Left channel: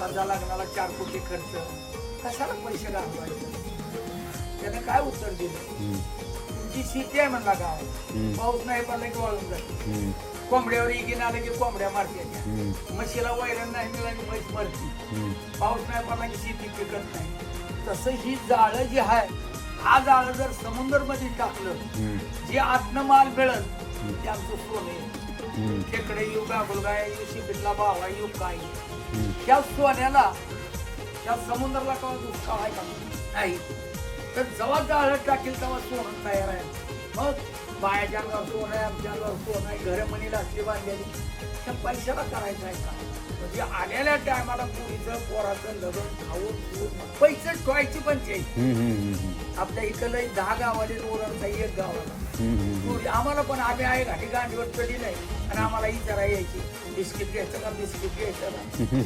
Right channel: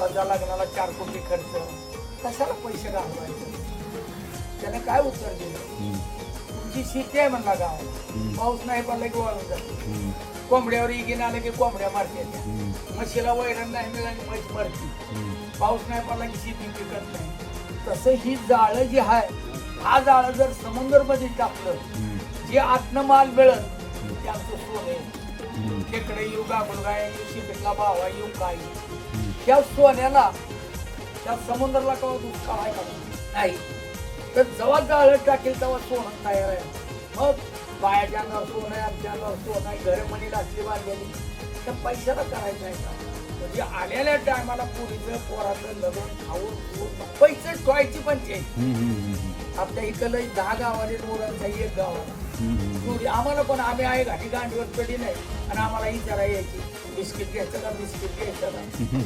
माझ्या लग्नाला 4 कोटी खर्च, कशाला पैसे घालवायचे? त्याने काय उत्तर दिलं? तुमची शेती आहे म्हणला गावात, पाऊस नाही पडला की वाळून जाते, कोंबड्यावर इगिन आले की कोंबड्या मारते, म्हशीला वैरण नाही मिळाली म्हैस मरती, पाऊस नाही पडला की शेती पिकत नाही. तसं ही जाळं जी आहे, हा जाळं जर समुद्र मध्ये टाकलं, जे आतनं माल मिळत ते आमचं सोने, खेकडे येऊ, गाबुलगाय येऊ, शिबिरला बावा येऊ, काय त्या सोन्याला त्या समुद्राला कवा दुष्काळ आहे का? नाही. तर जेव्हा जाळं टाकेल तेव्हा सोनं नाही राहील. मग बायाच्या अंगावर सोनं आहे, आमच्या अंगावर सोनं आहे, घरं म्हणी रात्री बांधलेली, त्या पैशाला करायचं आहे का? म्हणजे आलेल्या टायमाला पुरीचं पोराचं लग्न खाऊन पैसे ठेवायची पंचायत. आपल्या इथं लई 10 गावाले ओरड नाही, 1 गावाला आम्हाला पण आम्ही आहे घाटी गांडीवर कधी नाही. आणि आम्हाला ही जरा यायची बिस्किट घ्यायचं का बिस्किट घ्यायचं